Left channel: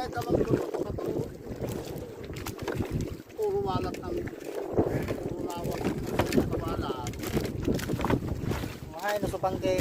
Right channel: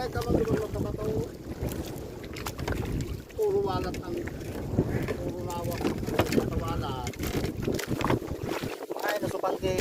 kahit naman doon napakataw. Puro walat ng puro lawak ng kawalat. Ay, nasupan kay